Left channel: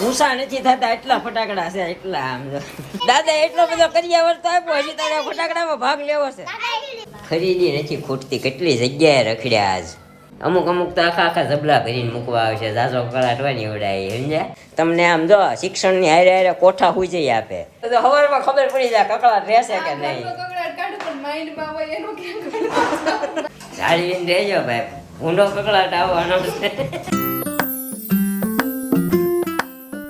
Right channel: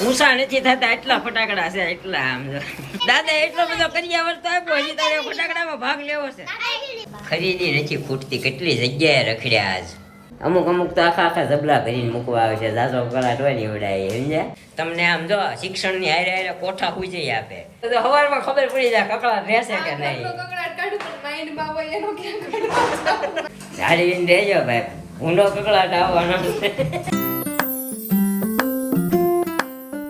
ઊંસા નથી થતા એટલા ફટાકડા છે એટલા આમ દાદા એટલો બધો કર્યા વર્તો આપ્યો હજી તારે ફટાકડામાં ભાગ લેવો છે ખરીદી નથી ખૂટતી કેટલી જગ્યાએ રખડ્યા આજ અમુક તો આખા જબલા ભરીને મૂકવા આવે છે ઝાઝો કલાટ હોય ને એવડાય સમજ્યા તમને આમ જો શિક્ષણની હારે હારે કોઠા હુજઈ આપે તો સવારમાં ખબર પડી જાય કકળાટ રહેશે કે નહીં જાળવીને રહેજો ભાઈ ઊંડો કકળાટ આવવાનો છે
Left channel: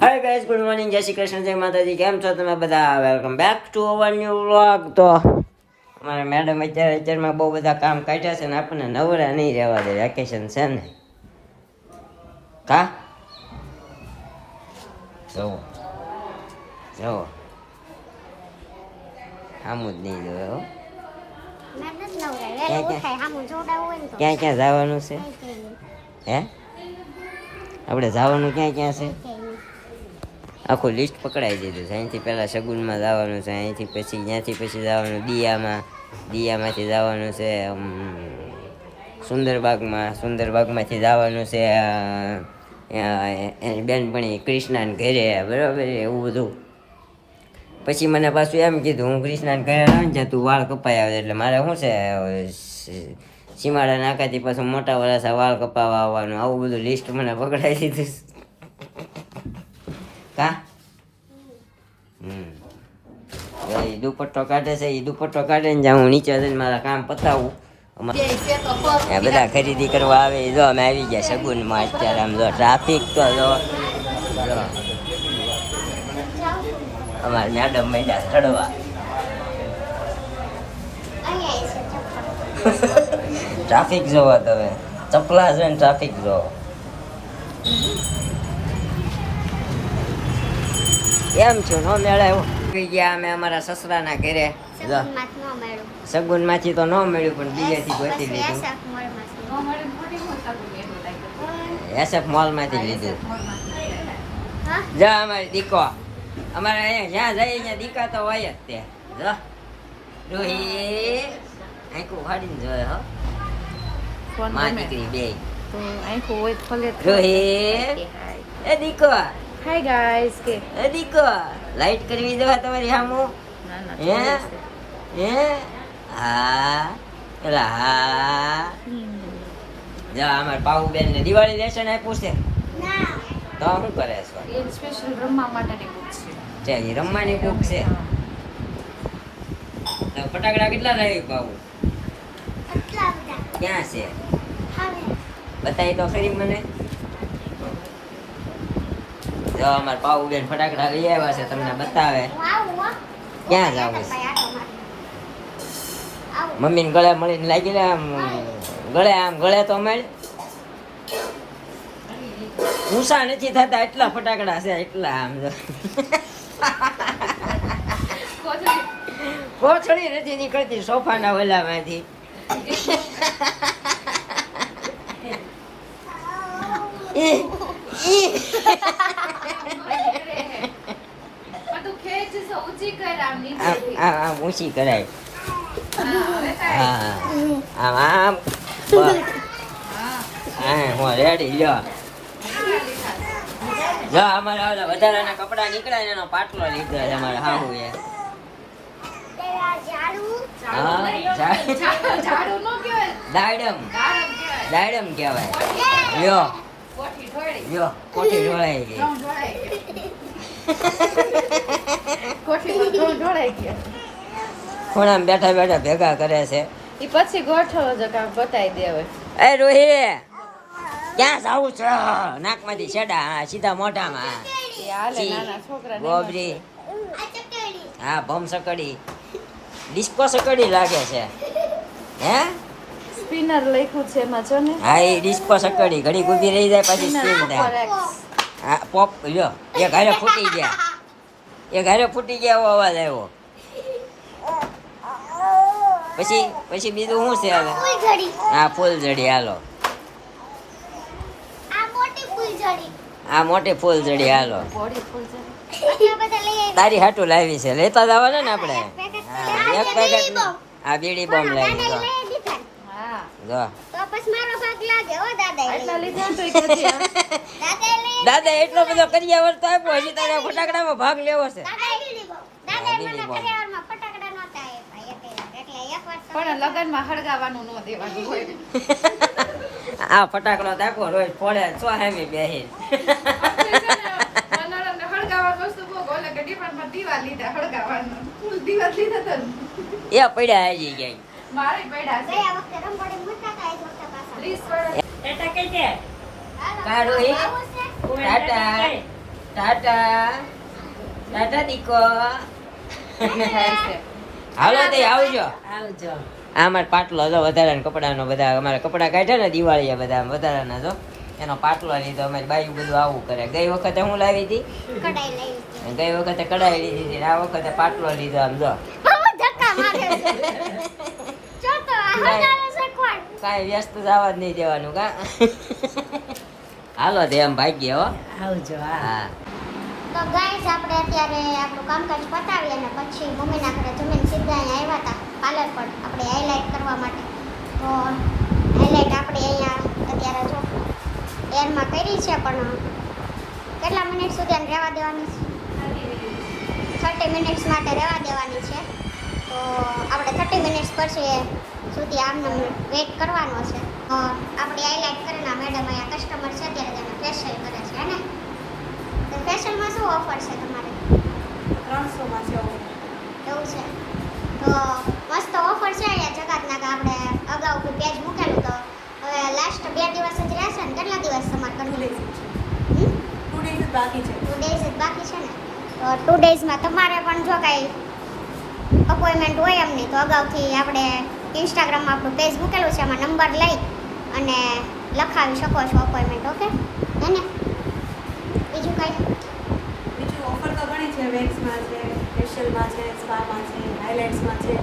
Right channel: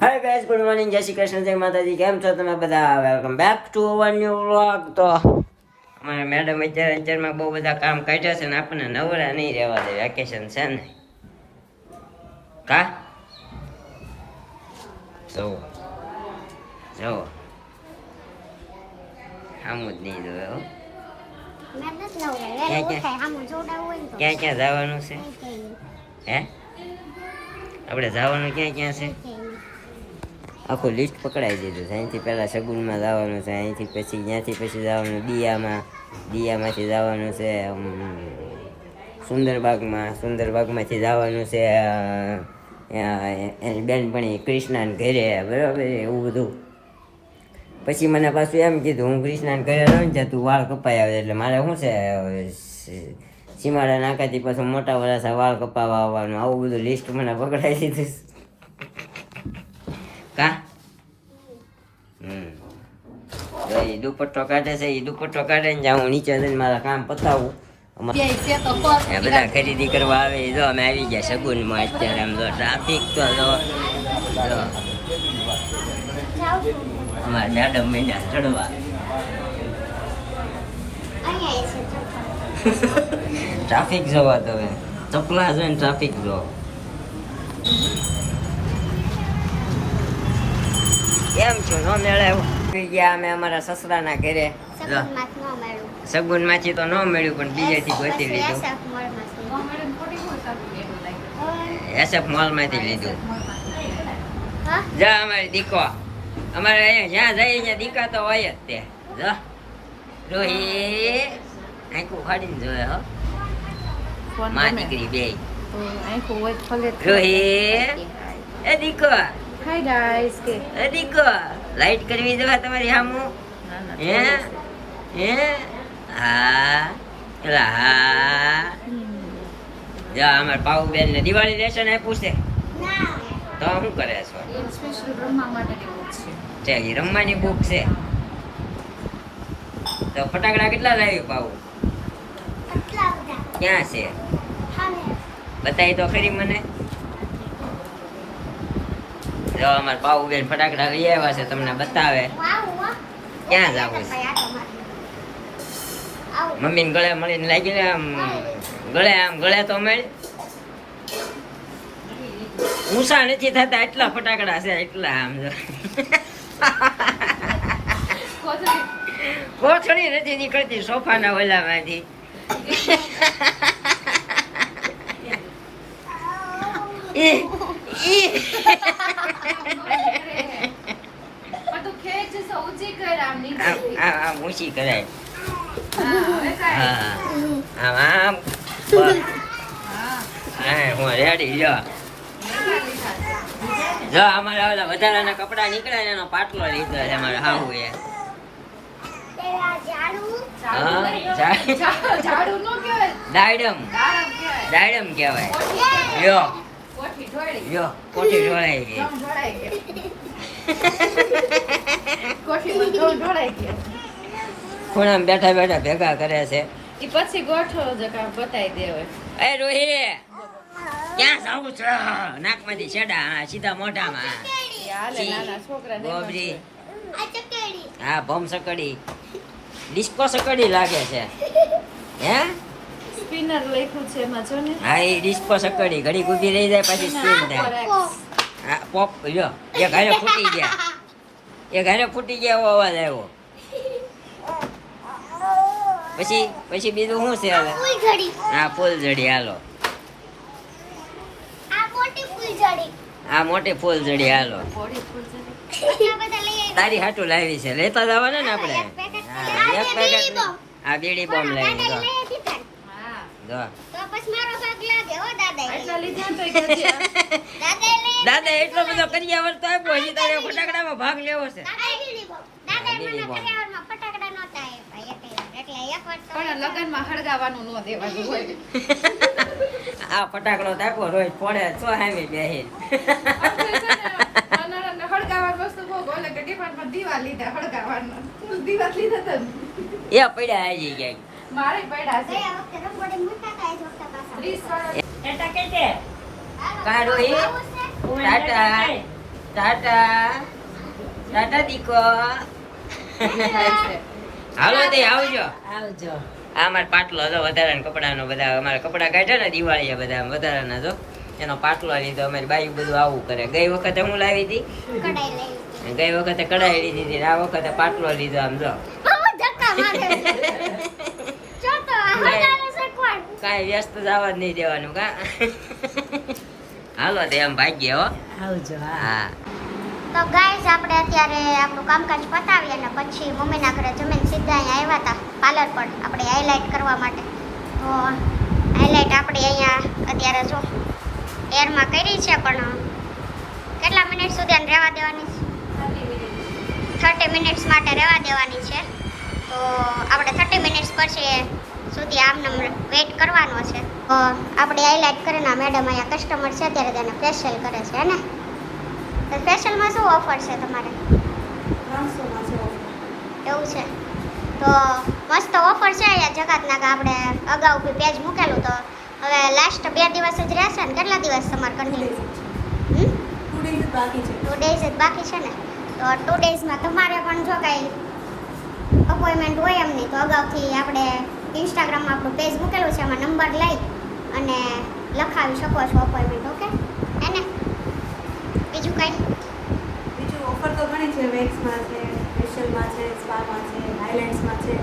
હાય ગાઈસ ગુડ મોર્નિંગ જય શ્રી કૃષ્ણ જય માતાજી કેમ છો તમે બધા welcome back to our new vlog તો અમારા મેડમ અત્યારમાં બહુ બધા કામ કાઢ્યા છે ને આપણને નવરા નહીં રહેવા દે વેકેશન છે ને કા જવો આમું જ નહીં જોયો ક્યાં જવાનું છે હે આપણે જવાનું ક્યાં છે આખું લિસ્ટ પકડાઈ દીધું છે અહીંથી પહેલાં સગુનમાં જવાનું છે અહીંથી પછી ત્યાંથી પછી જવાનું દિયામાંથી જવાનું છે સુંદરબાગમાંથી જવાનું છે એની બેનપણી કૃષ્ણાને ઘરે બરાબર એવું બધું પછી મને પાછું એમ કીધું હું કૃષ્ણાને ઘરે ન જતું વાળ કપાઈ આવે એટલે મારે શું છે સીમાડા નાકાથી પાછું મોટા વરાસા વાળ કપાવવા આવવાનું આવું બધું લિસ્ટ મને પકડાઈ દીધું કા દુપટ્ટો કાઢે છે એ દુપટ્ટો કાઢે ને જ્યાં હું નીચે જઈને મારા કામ પતાવું બધા ખરીદી કરવા આવે જો અમે આવી ગયા સગુનમાં અત્યારે આમ જો ટ્રાફિક તો જો અમારે મેડમ મહિના ચડવા ટ્રાફિક જોવો તમે ચપલા છે ને ટ્રાફિક જોવો એમ છું નો મેળાયો ગયા અમે અમારા સસરાના ઘરે સગુન માંથી તો ન મળ્યું પણ બીજેથી ગોતી લીધું એસએફ મોલ માંથી લીધું જા અમારી દીકો અમારે અહીંયા જ્યાં જાય ત્યાં દીકા તો હોય જ તે જો રોહી આંખું ફાડીને જોયે હો માં દીકરી બે રોહી એ દીકો હાય ગાઈસ કે દીકો લાઈટ કરવી જો તમારી સામું હા જા અમારે પાઉબેન ને દિવાળી લેશન આપ્યું છે તો શું કરે છો સ્પેશિયલ રમવા માટેની બુક છે એ રમવાની બુક છે તો ફટાકડા કેટલા લાવી પાવું ક્યાં છે બતાવી તો ખરી મને જો અમારે પાઉબેન ફટાકડા લઈ આવ્યા છે તમને બતાવે ક્યાં જવું છે મમ્મીને ગળે મળીને લાગી ને આમ ગળે તો મળે ઊંસા નથી થતા એટલા ફટાકડા છે એટલા આમ કોથળી નથી નીકળતી સોફાના ઓલામાંથી ઊંચી કરાય હા આમ આમ હું રેડી જો અમારે ઓલા વધારાના કપડા નીકળ્યા એનો પાટલો લીધો છે અમારે હાહુ એ દાયડમ કહેવાય લ્યો કોઠી ઢોળાઈ ગઈ ખૂણામાં બેઠા ભેગા કરે છે પછી ગોઠવો જ કામ બતાવી દેવે એ રોહી ક્યાં જાવું છે નાકમાંથી છેડા સીધા મોઢામાં ગોબરી હા ભમ સકડી ડિસ્કો સકડી લાગે છે હે સ્પિનર લખ્યું છે એમાં જો ને હા એ ડિસ્કો સકડી ઘડી ઊભી રહી જાય પછી સ્પિન થાય હા પોપ લ્યો એ ઘરે ફૂટી ગયા એવો અવાજ આવ્યો પછી બીજું શું છે હવે હા ફૂલઝડી હાલો આ મોટી ફૂલઝડી હાલો તારી હાટું લાવી છે લેતા જવાના ને આપણે હા એક પેકેટ આ બીડી બોમ્બ લાવી જો જો દાદા એટલો બધો કર્યા વર્તો આપ્યો હજી તારે ફટાકડામાં ભાગ લેવો છે પણ લગનમાં હળગાવાનું ન દેવાનું હોય આ ફટાકડો તાકો રોજ પડે તો હામી બેહી નાના હળગાવાનું વસ્તુ બહુ ઓલે કે ડિપાર્ટમાં દીવા લીધા હળગાવાનું ફૂલ દીવા લીધા તો એ પડ્યા આવી ગયા મારે પડ્યા છે 30 કાઢો એ ટાટા ટાટા દીકો હાલો તે આવજો આવજો આ અમારે પાટલો હતો વધારાના કપડાનો બધા અમારે કપડા કાઢ્યા ને દિવાળીએ બધા વધારાના તો એનો પાટલો લીધો અમારી બાઈ બધું આવું કરે ગઈ વખતે હું લાવી હતી ગઈ વખતે કઢાઈ લીધી હતી આ વખતે પાટલો લીધો આમ જો કાંઈ વ્યસ્ત જવા જ નહીં દેવાનું કા હાલો તે આમ ભાગ્ય હો આવજો હા તો ગાઈસ આપણે અત્યારે આપણું કામકાજ પતાવી અને પછી મમ્મીના ઘરે જમીન સીધા અહીંયા આવ્યા હતા પાર્લર પર આપણે હાઇલાઇટ કરવા માટે તો હાઇલાઇટ આપણે અહીંયા અત્યારે જો એરમાં કરી છે પણ કેટલા મિનિટ સુધી આને રહેવા દેવાની છે 30 મિનિટ્સ માટે રહેવા દેવાની છે તો આપણે 30 મિનિટ્સ પછી સુધી આમને વેઇટ કરવાનો છે તો આપણે હાઇલાઇટ કરીને મેડમ અહીંયા કસ્ટમર છે અત્યારે તેને ફેશિયલ કરે છે ને તો ફેશિયલમાં શું ઓફર છે તમારે 300 માં છે એવું છે તો મસ્ત ઓફર છે અહીંયા જગતના કે આપણે અગાઉ બી પેજ મૂકેલું તો હવે લાસ્ટ 2 દિવસ જ રહેશે ને કેટલા દિવસ તમારે કરવું 2 days બાકી છે 2 days જ બાકી છે ને તો 2 daysમાં તમારે પણ જો કાંઈ અપોઇન્ટમેન્ટ હોય એમ નહીં તો અગાઉથી આપણે ઇન્સ્ટાગ્રામમાં આપણું પેજ મૂકેલું છે એમાં નંબર લઈ અને લખાવી શકો છો અપોઇન્ટમેન્ટ ઓકે એને બીજું કાંઈ બીજું ઓફર તો ઘણી છે વેક્સમાં છે ફેશિયલમાં છે સ્પામાં છે હાઇલાઇટ્સમાં છે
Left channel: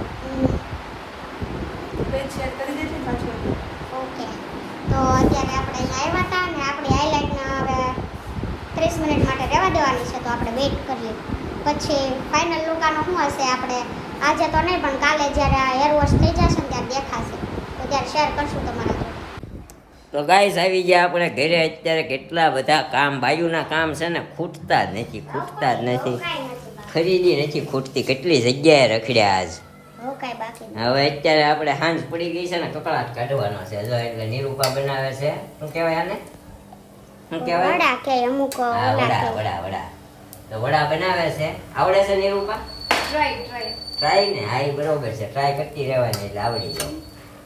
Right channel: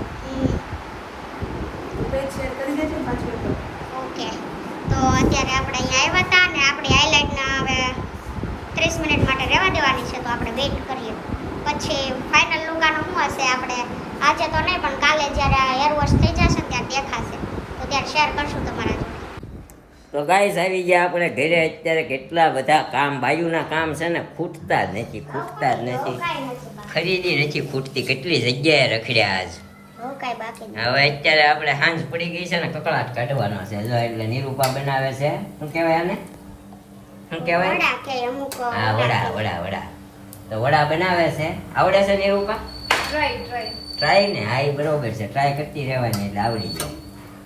પેજ શેર કરી દેજો પાછું ઓકે તો અત્યારે આપણે અહીંયા આવ્યા હતા અને આપણી હાઇલાઇટના હવે 30 મિનિટ માટે રહેવા દેવાની છે તો આપણે વેઇટ કરીએ પછી ફાઇનલ લુકાનો શું હશે આપણે આજે તો નહીં પણ કાલે જ્યારે આ હેર વોશ થઈ જશે ત્યારે દેખાશે તો ત્યારે શેર કરશું તમારા તો ગાઈસ આવી ગયા આપણે ઘરે અત્યારે કેટલા બધા કામ બાયુના કામ છે ને ખૂટતા જ નથી ખરીદી નથી ખૂટતી કેટલી જગ્યાએ રખડ્યા આજ હો કાંઈ બાકી નહીં હવે અત્યારે આપણે હાંજ પડી ગઈ છે ને કકળાટ કાઢવાનો છે જો એટલે નિરૂપા બનાવે છે શું કહેવાય આને શું કહેવાય વડા કે અમુક હા વડા તો વડા બનાવે છે આવડે છે નિરૂપા ટ્રાય ને હા એ બરોબર છે ટ્રાય કરતી રહેવાની એટલે આવડી જાય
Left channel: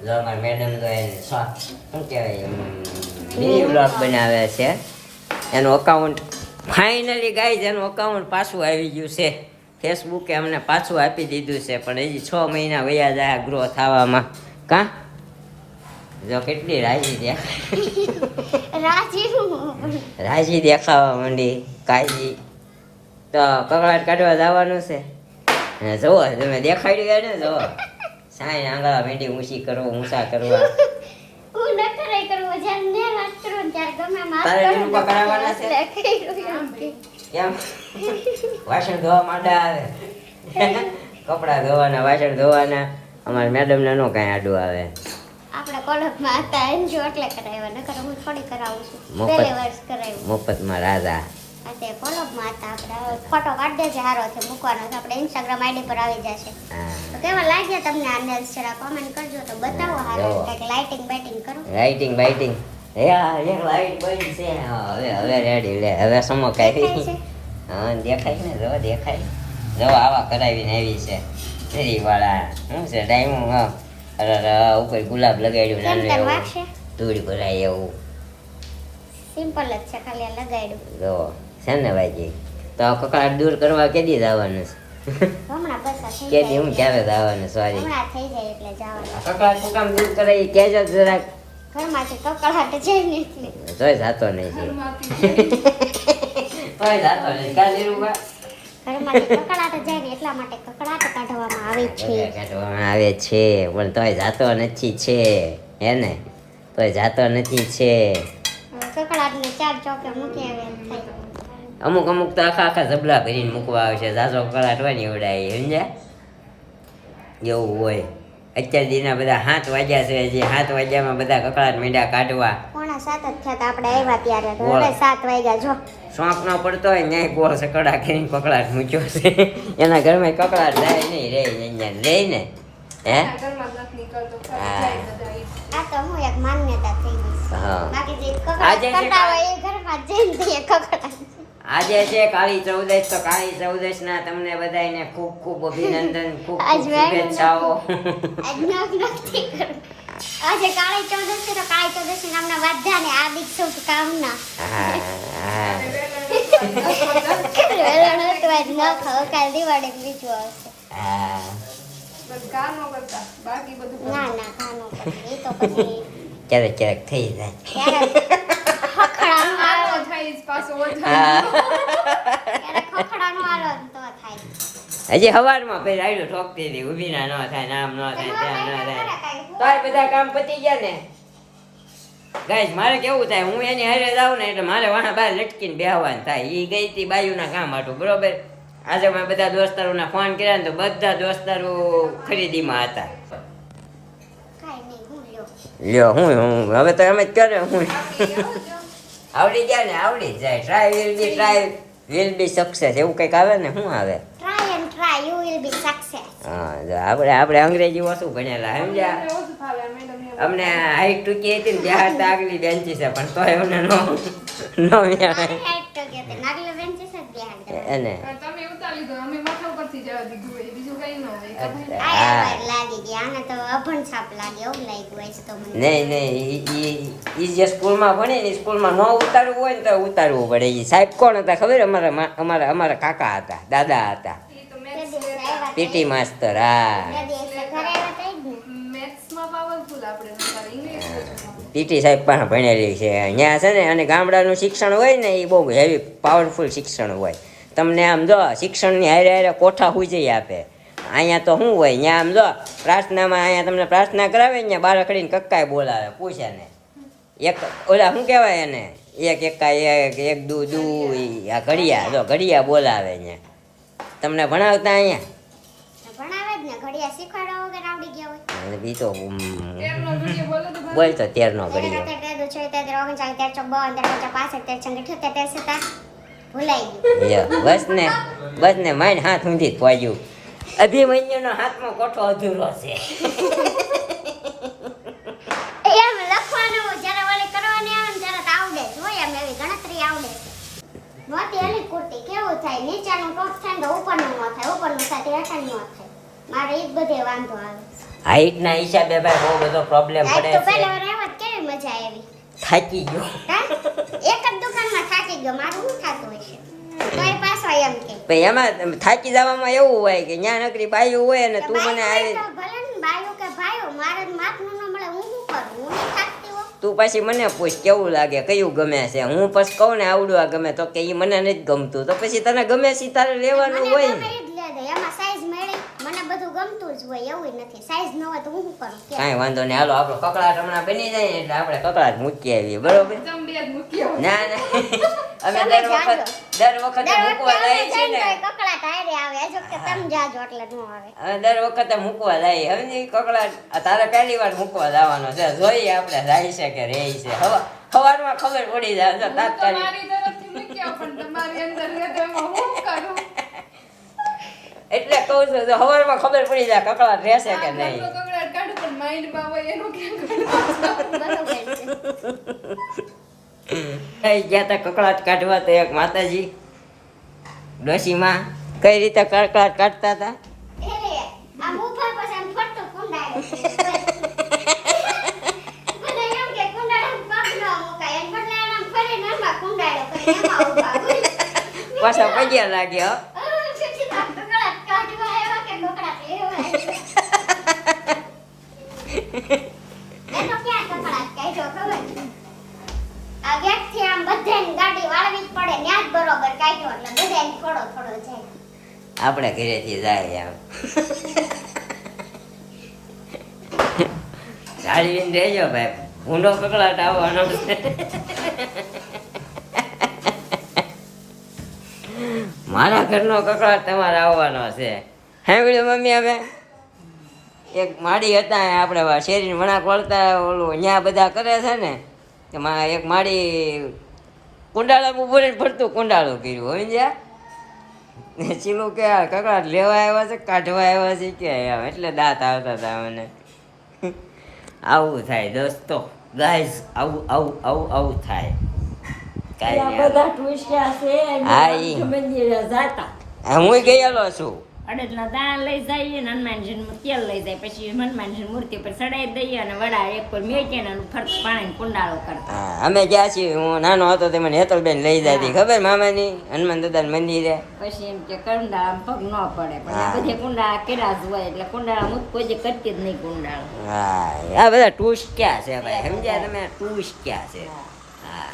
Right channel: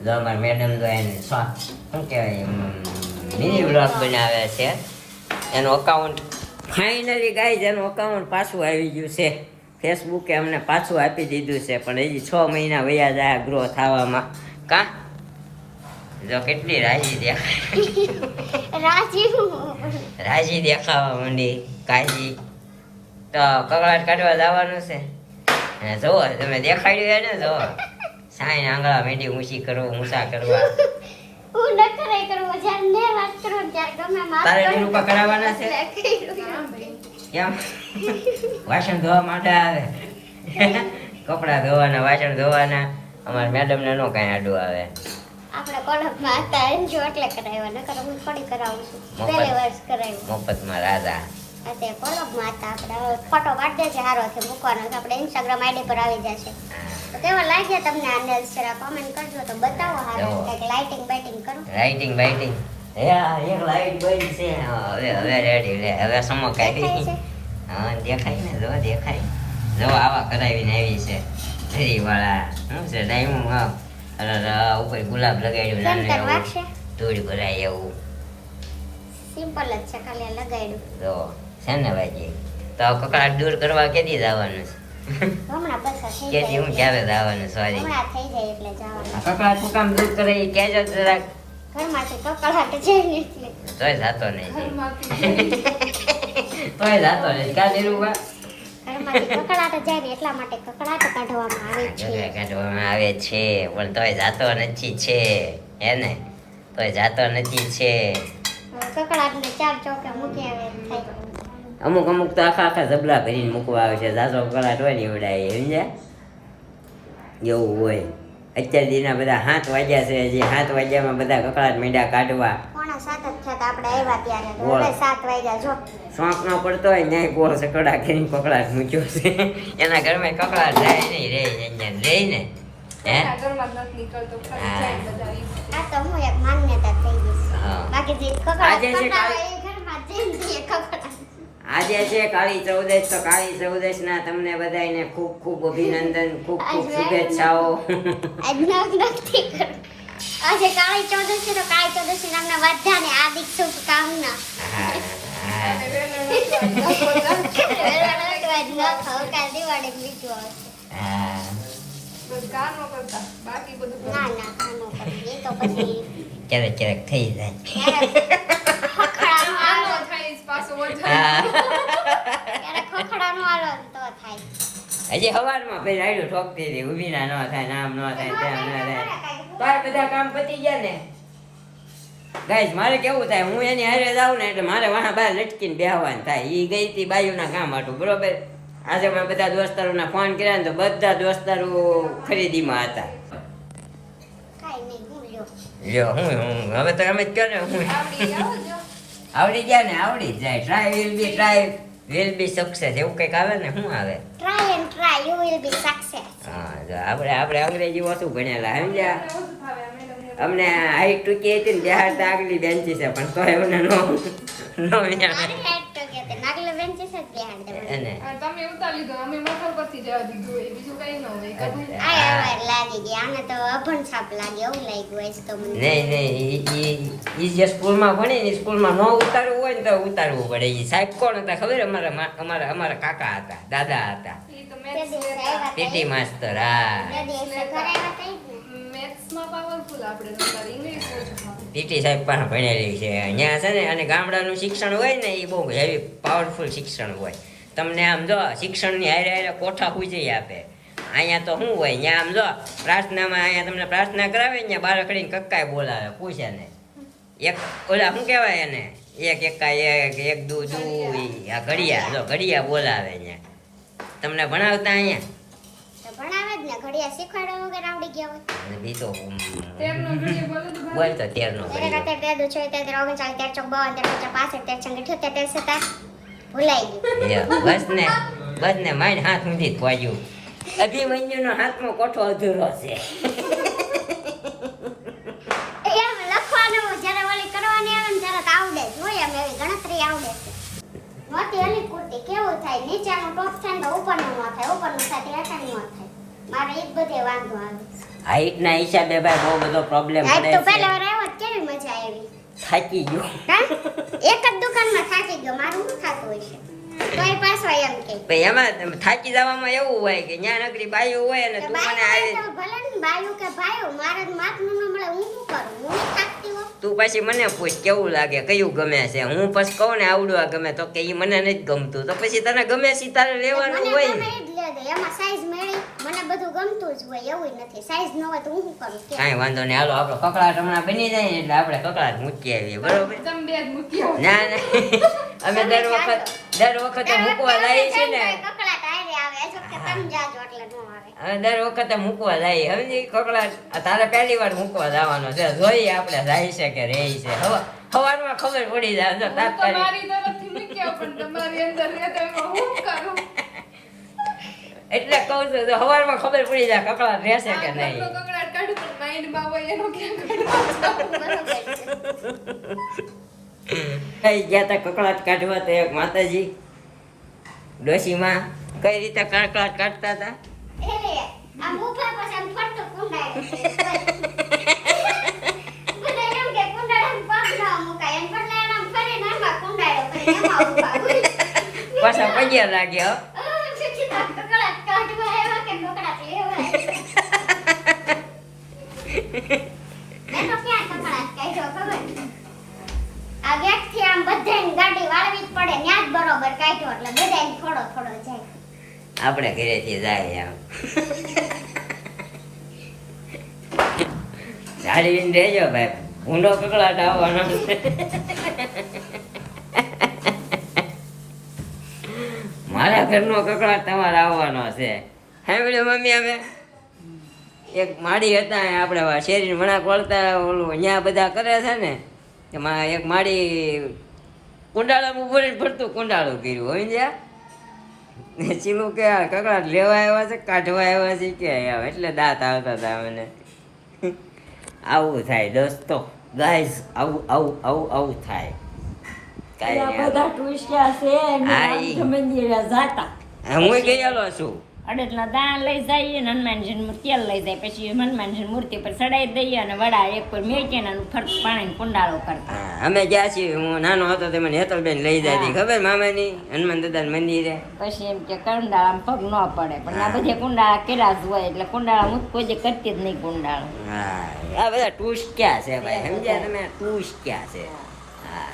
જો અમારા મેડમ જો એને શું કહેવાય મિની બ્લોગ બનાવે છે એનું અકાઉન્ટ ફાઇનલી ગાઈઝ એનું અકાઉન્ટ પાછું આવી ગયું છે ફેસબુકે અમને પાછું આપી દીધું છે પણ હજી 6 મહિના વયા જાય ગ્રો થવામાં કા જો કેટલી રાજી દેખાવા માંડી કાયજી તો કકળાટ કાઢવા જવાનું છે અને જોવો તમે દેખાડ્યું ને જોવો સાઈ આંગળા મેંડી ઊંચા કરવા હું નખરે કરવો જ્યારે ને વાત કરું ત્યારે ગમે માફ તારે નિરૂપા કરાવવાના છે કેમ વાસણ ધોવા માટે આવે કપડા ધોવાના વાસણ ધોવાના અમારા મેડમ ને નો કઈ આડું આવે આપણે કોલેજમાં હતા એનજો એટલે કરાવ્યા નકર હું થોડી કરાવું છું પહેલે વર્ષ કરાવ્યું મફતમાં રાજા અત્યારે કોલેજમાં હતા આપણે ફોટો પાડી દેજે સારો છે મૂકવાનો છે આપણે ઇન્સ્ટાગ્રામ આઈડી પર આવી જશે તો કેવા લાગ્યા તમને આ નેલ્સ જરા કોમેન્ટ કરજો તો બતાવો હાલો કંઈક લાઇટિંગ બાઇટિંગ કરો લાઇટિંગ હે આ એક લાઈટ બંધ છે હવે રેડી લે હવે સમો કાઢી હા દેખાય ને દેખાય જો આવા કરાવીને આવી છે ધરી વાળા શું છે ડાયમંડ અરે ઉપર ગુલાબ લગાડ્યું કેમ તન વાગશે ધૂળ ભરાય એવું સિમ્પલ જ છે ખાલી આ લગાડ્યું જો છે ને ભાઈ તો કકડાટ દૂર કરવા કેદી જવાનું છે હમણાં પૈસા થઈ કેદી જાય હું ક્યારે જવાનું સોરી હમણાં થઈ જાય એટલે જવાનું આ કકડાટ શું કામ દૂર કરે એ કહેજો જરાક ઘરમાંથી કકળાટ જાય ને એટલે તોય જાતો નહીં તોય જાતો નહીં કાલે રૂપા ઘરમાંથી કકળાટ જાય ને એટલા માટે કકળાટ કાઢવામાં આવે છે કાઢવામાં આવે છે પણ તોય જાતો નથી છે હે ને તોય જાતો નથી છે કકળાટ ને 4 ચોકે મૂકી આવે એમ થાય અમુક તો આખા જબલા ભરીને મૂકવા આવે છે જાજો કકળાટ હોય ને એવડાય સમજ્યા એવું હોય અત્યાર દીના બધા 7 વાગ્યા છે જે 7 વાગ્યામાં બધા કકળાટ માંડ્યા કાઢવા કોણ 7 જ થયા તા આપણે આવ્યા ત્યારે. બોલો. હવે 7 વાગ્યા જો. શોખ ન પડતો હોય ન્યાય ગોળ સકડા કરીને કકડાટ મૂક્યો છે એના ઘરમાં કકડાટ જાય નહીં રે અહીંયા રે ને હે એના ઘરમાં નથી નીકળતો, ખાલી જાય બધા ઈ. આ તો હું એક માન્યતા થઈ ગઈ છે. હા. બાકી જે આજે કકડાટ જે કરતા હોય એ ઘરમાં જઈને તે કકડાટ. આજે છે કાળી ચૌદશ તો કાળી ચૌદશ ના તમને બધાને ખૂબ ખૂબ અભિનંદન ખૂબ ખૂબ શુભેચ્છાઓ આજ નથી કરું. આજે કાળી ચૌદશી તો કાળી ચૌદશી નામના બધાને હાર્દિક શુભકામના. હા, હા. વેલણ હતું આજ ન ખાઓ, કાલ દિવાળી બીજું આવશે. હા. બસ કામ ન કરતા, બાકી બધું કરતા. ના ના કાનો પછી એ તો પછી ક્યારેક ક્યારેક થઈ જાય ક્યારેક ખખડાનો આવો આલો થાય જ પાછો ઓછો. હા. ક્યારેક ખખડાનો આલો ને તો થાય. હજી સવારમાં પેલા આયલું ઠોકતી હતી ઊભી ના ન થાય નામ ન થાય ત્યાં ન થાય તાર બધા કામ પતી ગયા ને ગાઈસ મારે કેવું થાય હું એની હારે જાઉં ને એટલે મારે વાહ બહાર લટકીને બેહવાનું થાય ઈ ગઈ હતી બાયુના કામ હાટું બરોબર આજે મેં બધા દોસ્તારોના ફોન કર્યા ને તો બધા દોસ્તારો ખરીદીમાં હતા કાઈ નહીં હું લ્યો. લ્યો હું હવે તો અમે જ કરે હું આવડી ગયા ને આવડી જ જાય ટ્રાય વિલ બી સક્સેસ એવું કંઈક આવે ને શું આવે Try and try, you will be success. હા જો આપણે અંગ્રેજી ઓછું ભણેલા સમજ્યા ઓછું ફાવે, મેડમને. અમને હાઈટ ટૂંકી હતી ને ત્યાં તો આગલી બેન્ચી છે પણ તો એમને નો મારી height તો કે તે નાગલે બેન્ચીસ જ બેહાડ દે મને. એને હા, તમે ઉતારી લીધો, અમે મોટો કરતી જવા દીધું હોય, બીજું કઈ ન હોય. ખબર? આય વાર લાગી ગઈ આને તો અભણ સાપ લાગે એવું લાગ્યું હોય છે તો મને. નહીં ઈ જે સ્કૂલમાં ભણે ને સ્કૂલમાં ન ઉતારવું હોય ને તો ઉતારવું પડે ઈ સાહેબ કોણ હતા ખબર અમારા કાકા હતા દાદા હતા ઈ તો તે maths દિવસે આવ્યા પીટી માસ્તર હા તે દિવસે ઘરે આવ્યા તા જ ને. મેથ્સમાં પાવરફુલ આપણે નતા, ઇંગ્લિશ ઓછું ફાવે. પીટી સાહેબ પણ ભણેલી છે અહીંયા છે ને અને ગામડાનું શિક્ષણ હોય ને એ બહુ હેવી પાવરફુલ શિક્ષણ હોય તમને આમ જો શિક્ષણની હારે હારે કોઠા હુજઈ આપે અહીંયા તો શું હોય અહીંયા આમ જો પ્રાર્થનામાં અહીંયા તમને પ્રાર્થના કરાવે ને બાર ખડીને કક્કાએ બોલાવે પૂછે ને એક ઓલા શું કહેવાય એને એક એકા એક દુ આ ઘડિયા જો ઘડિયા બોલાવે અહીંયા તમને ભણાવતા અહીંયા તો ભણાવે જ ને ઘડિયા શીખવાડવા વગર આવડી ગયા હોય. ઈ તો તેરનો ઘડીએ બોલે તો ભાવે. બોલ તો તેરનો તેરે ઘડિયો કાતે 13 6 13 39 13 54 13 55 13 78 ભૂલાઈ ગયું. બસ ને માઇન હાથ ઊંધી પહોંચ્યું અભિમન્યુનો હાથનો કોઠો અધૂરો છે એમ લખવાનું જ્યારે ઓલી કરવાની આવે ને ત્યારે તો આવડે જ હોય એમ એવી ગણતરી આવડે છે. મોતી ઓલી કુર્તી કેવું થાય નીચેનું ટોપ થાય ને તો ઉપરનું ન થાય ઉપરનું થાય તો હેઠળનું ન થાય. મારે ઈ જ બધે વાંધો આવે. હાઈટના હિસાબે ભાઈ બહુ બધો પ્રોબ્લેમ આજ પડે તો છે પહેલા રહેવત કેવી મજા આવી. થાકી ગયો હા? એક જ દુકાનમાં થાકી ગયો મારું શું થતું હોય છે તોય પાછો એમ કે પછી એમાં થાકી જવામાં એવું હોય કે ન્યા નકરી બાયું હોય ને તું મને આવી ભલે ને બાયું કે ભાઈઓ મારે માથનું ન મળે હું શું કરું હું નહીં થાકતી હોઉં. તું પછી મને પૂછ કેવું લાગે કયું ગમે છે હું પછી કહું ને આવડું આ ગમે તો કે ઈ મને નથી ગમતું તો પછી તને ગમે છે તારે લેવાનું મને હોય ગમે ને ઈ જ લે દે એમાં સાઈઝ મળી મને બધું ગમતું જ હોય એવું નથી સાઈઝ ન હોય તો હું શું કરું કે કાંઈ વાંધો નહીં હાલો આપણો કકડાટ હમણાં બની જાય ને એટલે આપણે કકડાટ મૂકી આવીએ બરોબર તમે બે જ મૂકી આવો. ના અમે દર વખતે મૂકવા જાય છે ને કકડાટ આયરે આવે હજુ કે તમે જાજો એટલે ન આવે હવે દર વખતે મૂકવા જાય સમજી કકડાટ આ તારે પહેલી વાર મૂકવા જવાનો છે જોઈએ આપણે જાય છે કે રહે છે સવારમાં ખબર પડી જાય જો હું તો તાત્કાલિક મારી તરફથી મૂકી આવું, પણ તમારી અંદર રહે તો એમાં હું કરું? એટલે કહું છું તો સવારમાં ખબર પડી જાય કકડાટ રહેશે કે આ નહીં ઘરનો કકડાટ કાઢું પણ માઇન્ડમાં હોય એનો ક્યાં કાઢું? બરોબર છે થઈ ગયા તા કકડાટ કાઢવા તો એક માતાજી ડોશીમાં કઈ રીતે કકડાટ કાઢતા હતા એટલે આ ઊભા પછી આમ ફરતો કુંડાળે મને એમ કે કુંડાળામાં પગ ન મુકાય એમ બદલે આમ ફરીને આમાં કુંડાળે ફરીને એમાં ઊભા હોય. પાછા પગ્યા લાગ્યો કકડાટ કાઢવા આવ્યા કે કકડાટ લેવા એનો ક્યાં કકડાટ કાઢ્યો ખબર આ ગેટથી આમ બધાની ગાડી વાળવી જ પડે ન્યા જ બરોબર કાઢ્યો એટલે બધાને થોડો થોડો જાય. આપણે ઘરેથી જાય આમ જાળવીને રહેજો ભાઈ ભૂંડો કકડાટ આવવાનો છે મારા ઘરનો કકડાટ તમારે આવવાનો છે હે બોલે મમ્મી અમે એક માડી હતા આપણે શેરીને વણાક વળતા ઓલું અહીંયા બધા કરે છે ને એમાં એક માડી કુંડાળામાં ઉભો રહીને ફરતું કુંડાળું કર્યું હોય જ્યાં ચીલું કે કકડાટ લેવા આવ્યા છે કાઢવા આવ્યા છે કે આમ એટલે દાંત આવતા હતા મને આવું થાય દોસ્તો ગાઈઝ આવું થાય કાંઈ નહીં બધા ટુરિસ્ટ છે હા, ઈ. મંદિરે જાતા હું ગયેલો છું અડદના દાણા લઈ જઈએ ને હનુમાનજીનું તેલ લઈ જાય પછી હનુમાનજી મૂર્તિ પર ચડાવી દઈએ અને વડા એક પર મેકીને એનું ફરક પાણીને કુંડાળો કરતા હા અમે ગયા છીએ હું નાનો હતો તે મને હેતલબેન લઈ જતી ખબર મામાની હનુમાન દાદા મંદિરે પછી એમ કે કુંડાળામાં પગ ન પડે પણ આ બધે કુંડાળા કર્યા જ હોય એટલે કુંડાળા હું કોઈ જે કરતી જ નહીં કુંડાળો હા આ બધા ટૂસ્ટ ક્યાં છે ભાઈ સમજ્યા તમે ટૂસ્ટ ક્યાં છે હા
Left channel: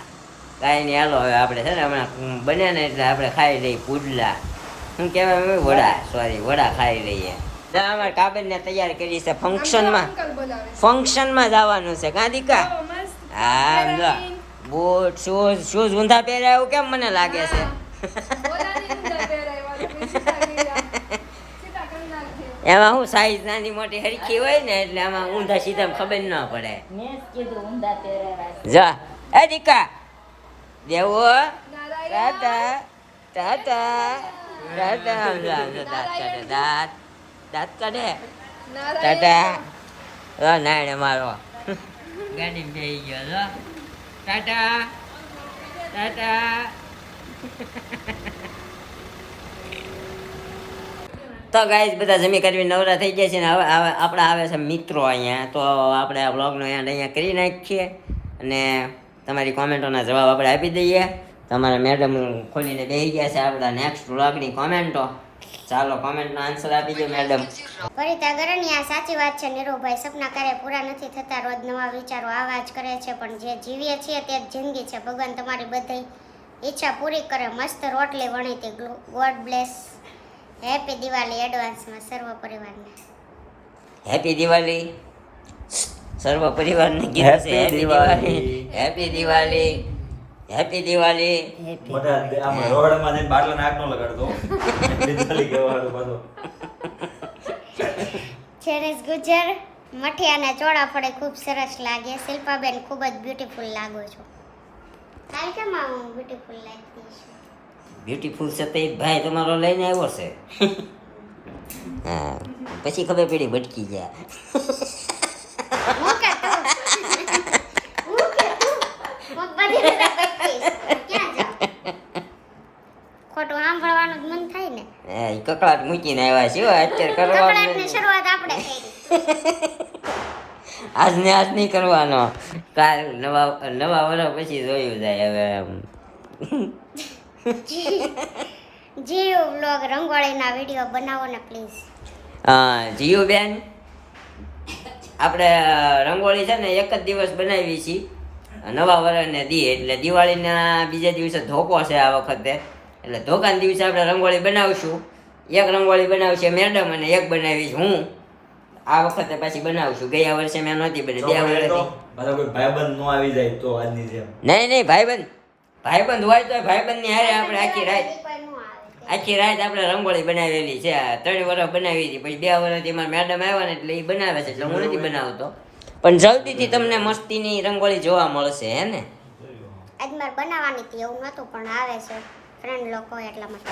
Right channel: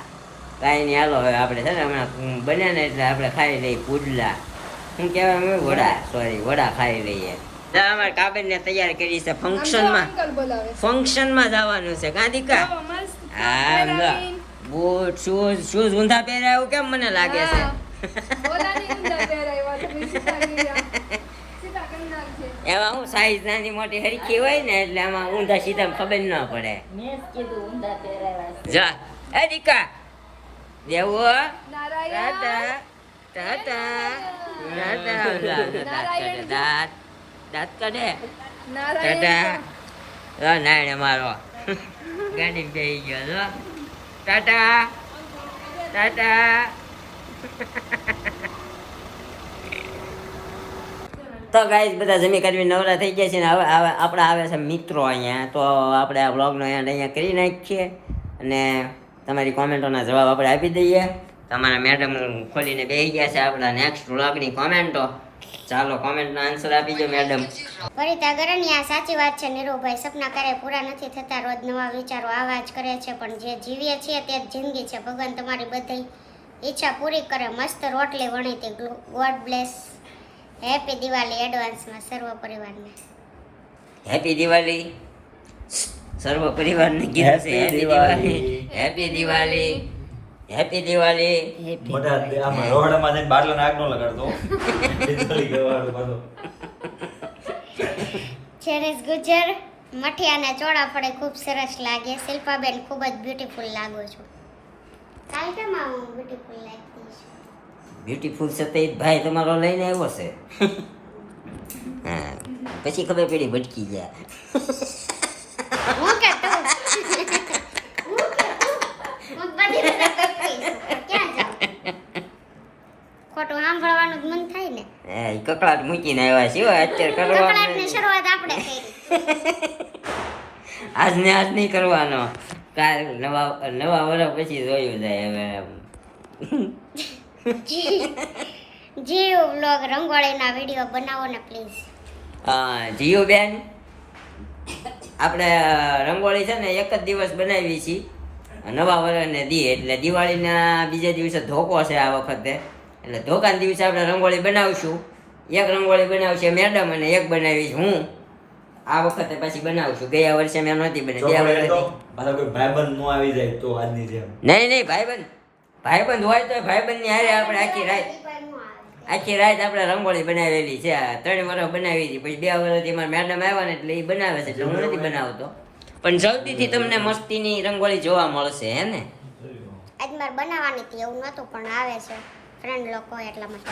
કાંઈ નહીં હાલો હવે આપણે છે ને હમણાં બન્યા ને એટલે આપણે ખાઈ લઈએ પુડલા શું કહેવાય વડા ખાઈ લઈએ અમારે કાબેનને તૈયાર કરી છે ફંક્શનમાં અંકલ બોલાવે ફંક્શનમાં જવાનું છે કાંતિકા બહુ મસ્ત હા લો બૂટ શૂઝ ઊંધા પહેર્યા એવું કેમ મને લાગે છે બોલાની અંદર પહેરાવ્યા તો સીતા ગયા સીતા કેમ નાખજે એમાં હું સાઈઝ નાની મોટી હરખી હોય ને એટલે આમાં ઊંધા સીધા ખબર ન પડે મેં જ કીધું ઊંધા પહેરાવ્યા છે. જા એ દીકા દેવો ટાટા ટાટા દાંત કાઢે ટાટા નાયણે મારો ગાડી બેસી ગયો છો ટાટા ટાટા તો ગાઈઝ બધા જમી કરવી નવરા થઈ ગયા છે ને હવે આપણા આવે છે મિત્રો અહીંયા તો આપણે આ બ્લોગનો અહીંયા કરી નાખીએ અને તમારી કોમેન્ટોના જવાબ આપણે આપી દઈએ તમારા મેડમ ખોલીને બેસી ગયા છે આપણા નેક્સ્ટ વ્લોગની કોમેન્ટો ચાલો કોમેન્ટનો આન્સર આપી દો મેડમ પરિતા ગરણી આ સાચી વાત છે નીરુભાઈ સપના ક્યારેય પૂરા નથી થતા રોજ નવા વિચારો આવા જ કરે છે પણ જે જીવીએ છીએ તે જ જિંદગી છે ભગવાન તમારી બધી ઈચ્છા પૂરી કરે મસ્ત રોટલી વણીતી ગોડ બ્લેસ હેપી દિવાળી એડવાન્સમાં સર્વ પરિવારને હેપી દિવાળી સર્વ પરિવારને કીધું છે happy Diwali happy Diwali happy Diwali રોડમાં જઈને બાટલાને આગ ન લગાડતો વીજળી ગવાડું બધું. જેનિસ ગુજર મઠિયાના ચોળા ફળે ખૂબ સરસ લાગે શિલ્પાબેન ખૂબ જ બ્યુટીફુલ લાગો છો કાલ કેમ આવું બ્યુટીફુલ લાગતી છે બ્યુટીફુલ છે તે ભાઈ તમારો લઈને આવ્યો છે હા પછી ખબર પડી ભટકી ગયા હું કે તું હું કે તું હું બધી રીતે કરતી છું. ક્યાં જાઉં ખોટું સાંભળવાનું જ મન થાય ને એ કકડાટ મૂકીને આવ્યા છે હો, અત્યારે કરવાનું કકડાટની શરૂઆત આપણે કરી આજને આજ નહીં કરવાનો કાલ નવા વર્ષ પછી જોયું જાય હવે એમ. જીવ વ્લોગ રંગોળીના વિડીયો બનાવો ને પ્લીઝ હા જીયુ બેન આપણે રંગોળી છે ને એક જ દિવસ બનાવી છીએ નવા વર્ષને દી એટલે દિવાળીના બીજા દિવસે ધોકો છે આ વખતે એટલે ધોકાના દિવસે આપણે રંગોળી બનાવશું એક રંગોળી બનાવશે મેડમ અને એક બનાવીશ હું આ વખતે પછી બનાવશું ગયા વર્ષે મેં નહોતી બની જો બે મળે વર્ષ તો મારા કોઈ ભાઈબંધ નો આવી જાય તો આજની જેમ નહીં ભાઈબંધ હોય તો ભાઈબંધની હારે આપણે આખી રાત આપણે રંગોળી બનાવેલી છે આ 3 વર્ષ બનાવી હતી પછી 2 વર્ષથી મારા મેડમ આવ્યા ને એટલે એ બનાવે છે એટલે હું નથી બનાવતો પણ જલ્દીથી તમને મસ્તીની રંગોળી જોવા મળશે હે ને આજ મારે બનાવવાની હતી એવું નહોતું પણ આવે છે ફ્રેન્ડ લોકો એટલા માટે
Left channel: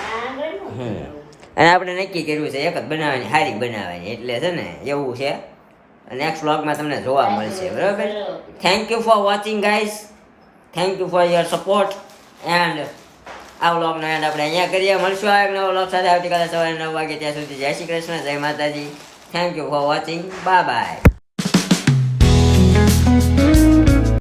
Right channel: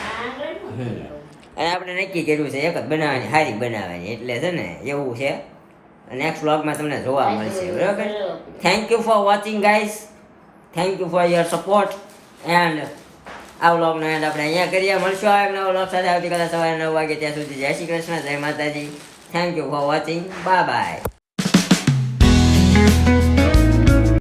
અને આપણે નક્કી કર્યું છે એક જ બનાવવાની સારી બનાવવાની એટલે છે ને એવું છે નેક્સ્ટ વ્લોગમાં તમને જોવા મળશે બરાબર thank you for watching guys thank you for your support and આ વ્લોગનો એન્ડ આપણે અહીંયા કરીએ મળશું આ એક નવો વ્લોગ સાથે આવતીકાલે સવારે 9 વાગે ત્યાં સુધી જય શ્રી કૃષ્ણ જય માતાજી thank you for watching bye bye